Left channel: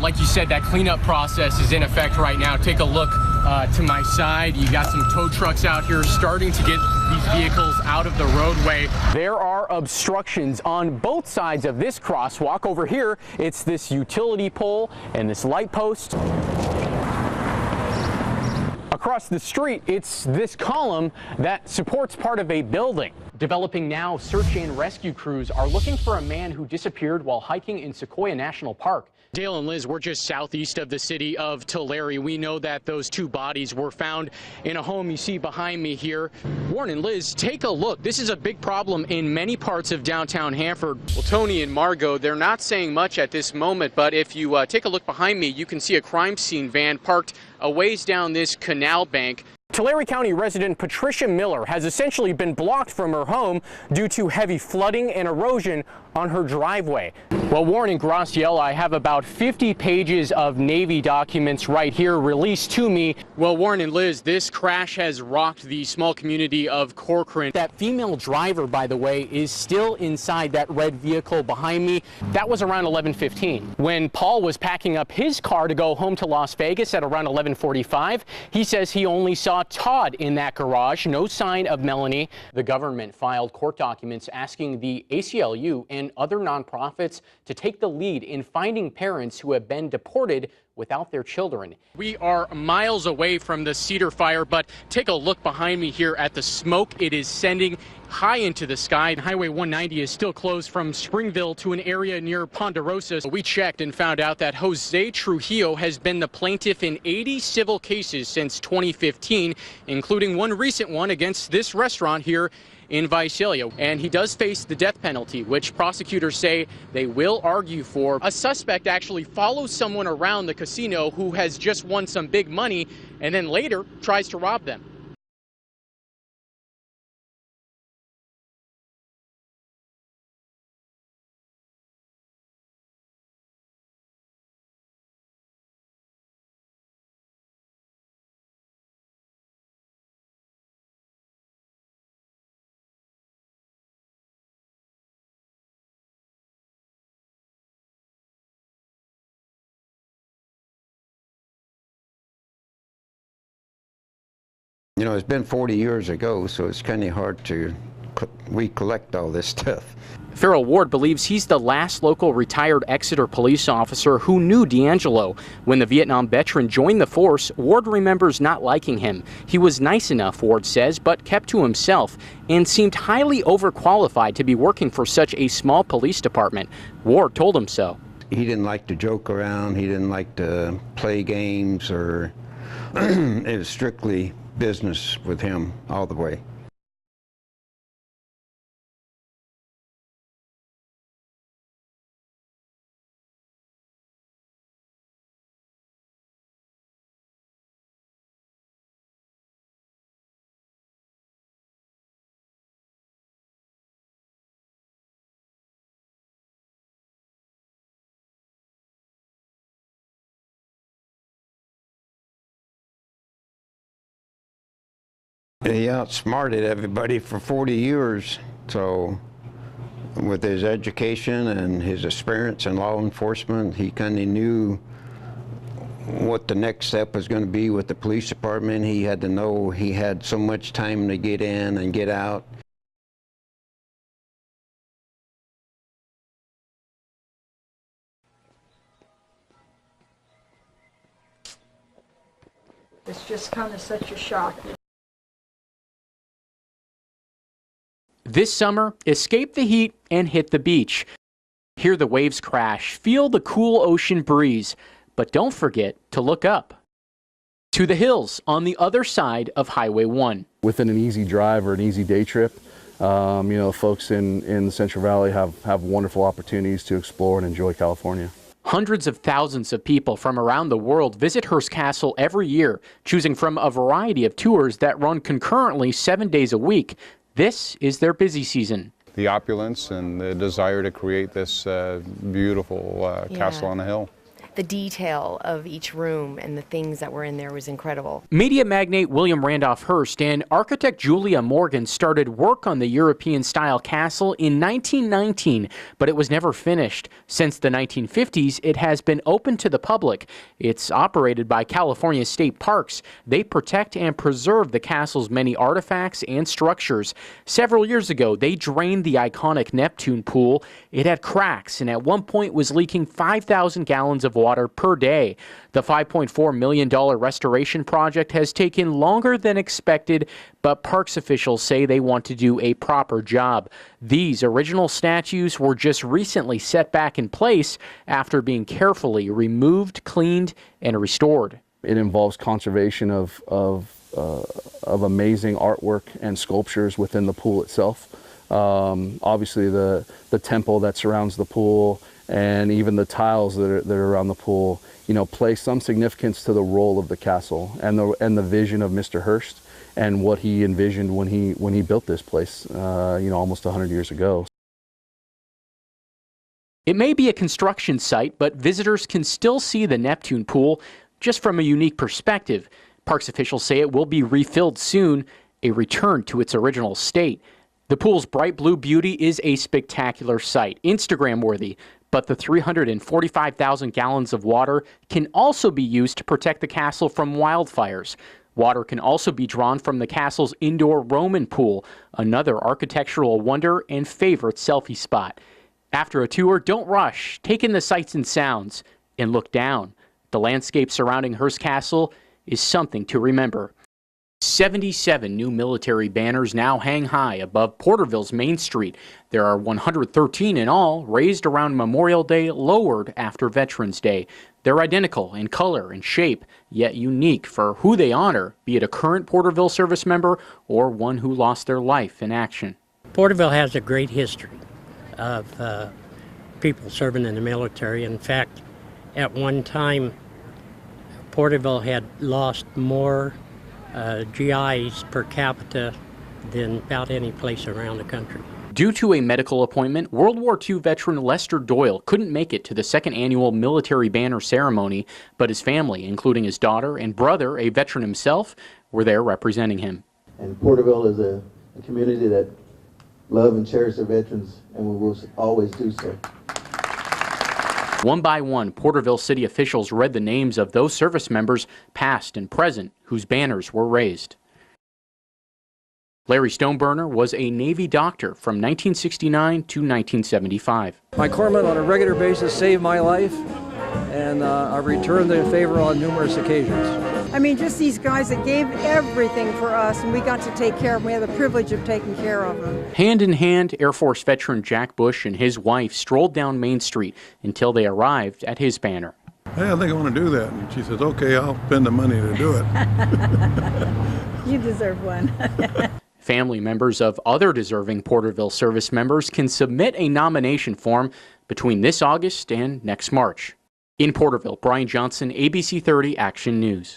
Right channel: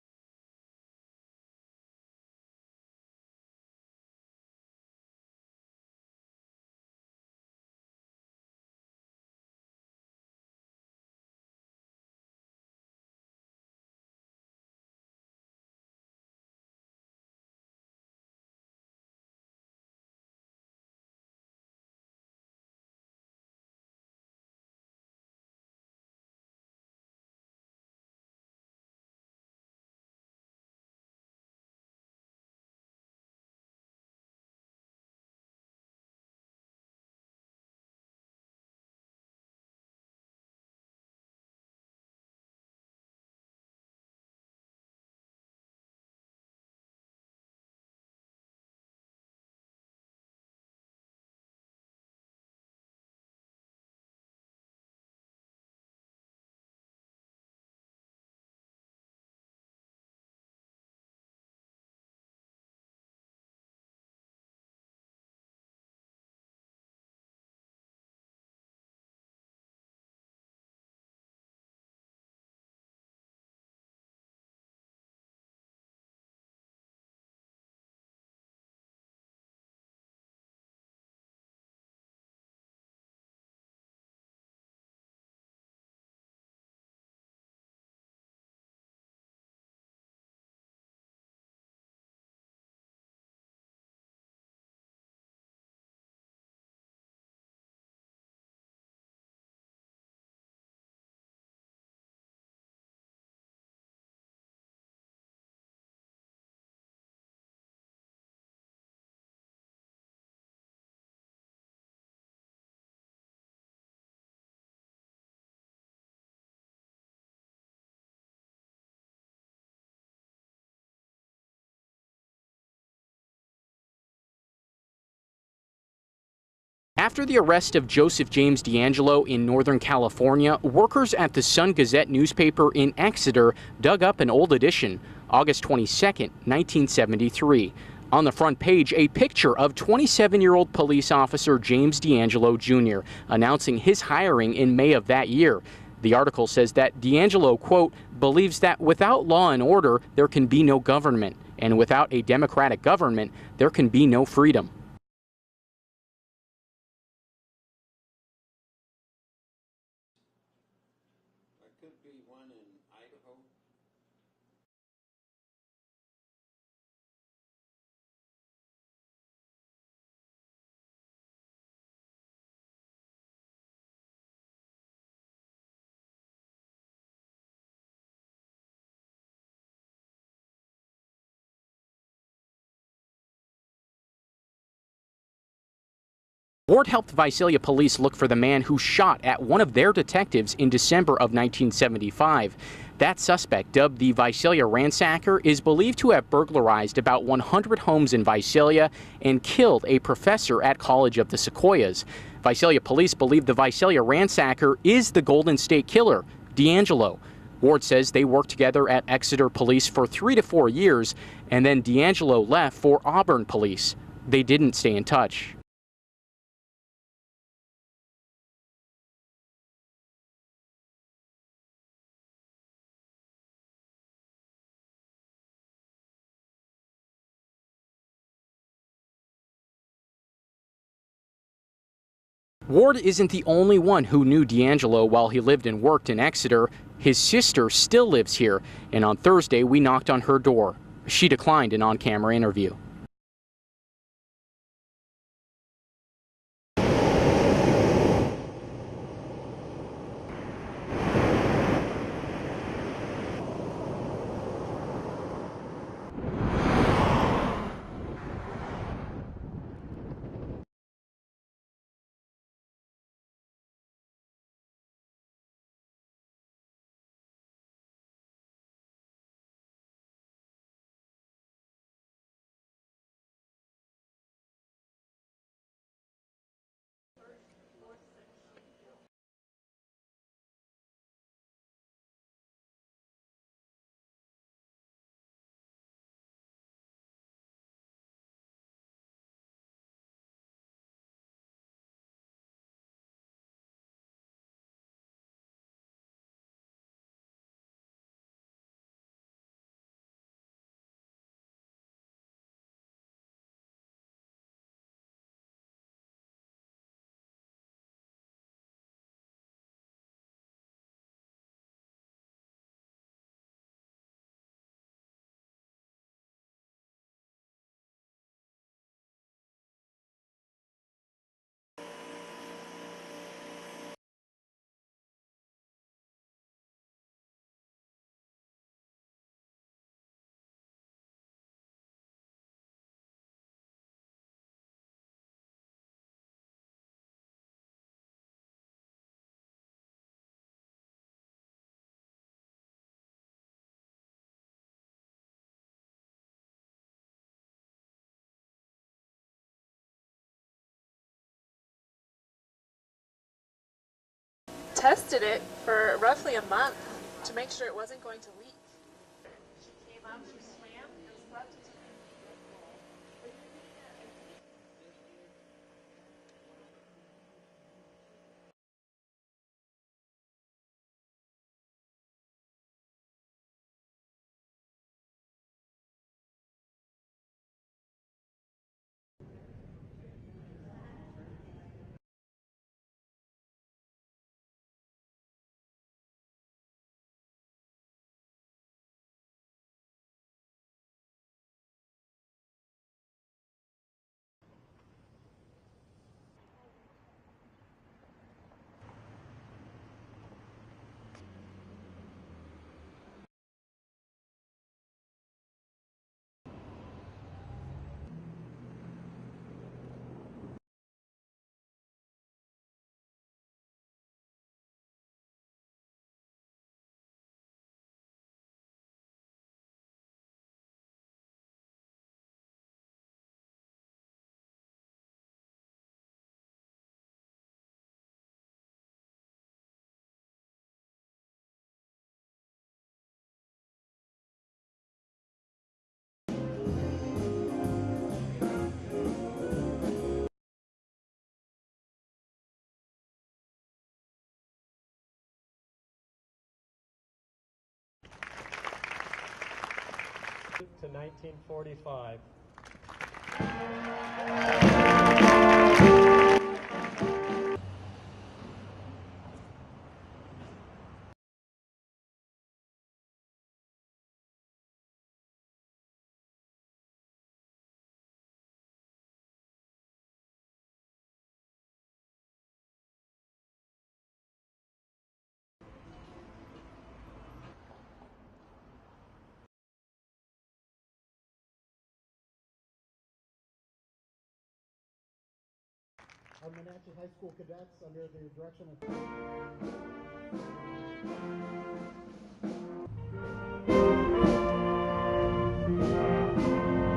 like you said, that cleanup process is in effect right now. Take a look to my side. You got some tow trucks out here starting to get these vehicles out of the roadway. There are obstructions on both sides of this crosswalk. Over here, it's this utility pole and this light post. Across the street, it's this column that supports part of a building. Developing now, search and rescue crews are looking for a man who disappeared while hiking in Sequoia National Park. Dale and Liz, we're just southeast of the city of Tulare. We know that those two bodies were found in a home you see behind me here. Warren and Liz, take a look. This is a big problem in many parts of downtown Hanford. Well, Tony and Margot, they're not saying much at this moment, but if you take a look behind me, you can see a crime scene van parked a ways down this canal bank. Tulare County resident Patricia Miller has essentially been blocked from her home due to heavy flooding and erosion on her driveway. Well, Warren and Graciela, I have about 50 pages of Navy documents right here released to me. Well, Warren and Liz, this crash has rocked the small community of Corcoran. That female driver, by the way, is still inside that red vehicle behind me. That was around 11:15. When Paul was packing up his car to go home to Las Vegas at around 11:45, he says he only saw Todd in that garage, no sign of Melanie. The government filed court documents asking the ACLU and other nonprofits to take the lead in finding parents who have been deported without their children. We are miles away from the Cedar fire, but take a look behind me here at the smoke it is sending high into the sky. Highway 190 is still closed from Springville to an area near Ponderosa. We checked and found out that Jose Trujillo has been the plaintiff in 80 civil cases since 2015, including one recent one against this restaurant here in Visalia. And he does face the death penalty, which prosecutors say they will argue for. A suspect actually follows someone around the casino who has just won some big money and then later tries to rob them. After the arrest of Joseph James DeAngelo in Northern California, workers at the Sun-Gazette newspaper in Exeter dug up an old edition, August 22, 1973. On the front page, a picture of 27-year-old police officer James DeAngelo Jr. announcing his hiring in May of that year. The article says that DeAngelo, quote, believes that without law and order, there can be no government, and without a democratic government, there can be no freedom. You know, it's been 40 years ago, so it's kind of hard to recollect all this stuff. Farrell Ward believes he's the last local retired Exeter police officer who knew DeAngelo. When the Vietnam veteran joined the force, Ward remembers not liking him. He was nice enough, Ward says, but kept to himself and seemed highly overqualified to be working for such a small police department. Ward told him so. He didn't like to joke around. He didn't like to play games, or it was strictly business with him all the way. Ward helped Visalia police look for the man who shot at one of their detectives in December of 1975. That suspect, dubbed the Visalia Ransacker, is believed to have burglarized about 100 homes in Visalia and killed a professor at College of the Sequoias. Visalia police believe the Visalia Ransacker is the Golden State Killer, DeAngelo. Ward says they worked together at Exeter Police for 3 to 4 years, and then DeAngelo left for Auburn Police. They didn't stay in touch. He outsmarted everybody for 40 years, so with his education and his experience in law enforcement, he kind of knew what the next step was going to be with the police department. He had to know he had so much time to get in and get out. Ward isn't the only one who knew DeAngelo while he lived and worked in Exeter. His sister still lives here, and on Thursday we knocked on her door. She declined an on-camera interview. It's just kind of such a shock. This summer, escape the heat and hit the beach. Hear the waves crash, feel the cool ocean breeze, but don't forget to look up to the hills on the other side of Highway 1. Within an easy drive or an easy day trip, you know, folks in the Central Valley have wonderful opportunities to explore and enjoy California. Hundreds of thousands of people from around the world visit Hearst Castle every year, choosing from a variety of tours that run concurrently 7 days a week. This is their busy season. The opulence and the desire to create this beautiful castle on the hill. The detail of each room and the things that were in there was incredible. Media magnate William Randolph Hearst and architect Julia Morgan started work on the European-style castle in 1919, but it was never finished. Since the 1950s, it has been open to the public. It's operated by California State Parks. They protect and preserve the castle's many artifacts and structures. Several years ago, they drained the iconic Neptune pool. It had cracks and at one point was leaking 5,000 gallons of water per day. The $5.4 million restoration project has taken longer than expected, but parks officials say they want to do a proper job. These original statues were just recently set back in place after being carefully removed, cleaned, and restored. It involves conservation of amazing artwork and sculptures within the pool itself. Obviously the temple that surrounds the pool and even the tiles that are around the pool, you know, play some significance to the role of the castle and the vision of Mr. Hearst and what he envisioned when he built this place, you know, almost 100 years ago. Tested it for roughly a month. It may be a construction site, but visitors can still see the Neptune pool just from a unique perspective. Parks officials say it will be refilled soon, a return to its original state. The pool's bright blue beauty is a spectacular sight, Instagram-worthy, but the 345,000 gallons of water can also be used to protect the castle from wildfires. Water can also be drawn from the castle's indoor Roman pool, another architectural wonder and favorite selfie spot. After a tour, don't rush. Take in the sights and sounds and look down. The landscape surrounding Hearst Castle is something to remember. 77 new military banners now hang high above Porterville's Main Street. There are 113 in all, raised around Memorial Day, lowered after Veterans Day. They're identical in color and shape, yet unique for who they honor, be it a current Porterville service member or one who lost their life in action. Porterville has a great history of people serving in the military. In fact, at one time, Porterville had lost more GIs per capita than about any place around the country. Due to a medical appointment, World War II veteran Lester Doyle couldn't make it to the second annual military banner ceremony, but his family, including his daughter and brother, a veteran himself, were there representing him. And Porterville is a community that love and cherish their veterans, and we will always do so. One by one, Porterville city officials read the names of those service members, past and present, whose banners were raised. Larry Stoneburner was a Navy doctor from 1969 to 1975. My corpsmen on a regular basis saved my life, and I've returned their favor on numerous occasions. I mean, just these guys that gave everything for us, and we got to take care of them. We had the privilege of taking care of them. Hand in hand, Air Force veteran Jack Bush and his wife strolled down Main Street until they arrived at his banner. Hey, I think I want to do that. And she says, okay, I'll spend the money to do it. You deserve one. Family members of other deserving Porterville service members can submit a nomination form between this August and next March. In Porterville, Brian Johnson, ABC 30 Action News.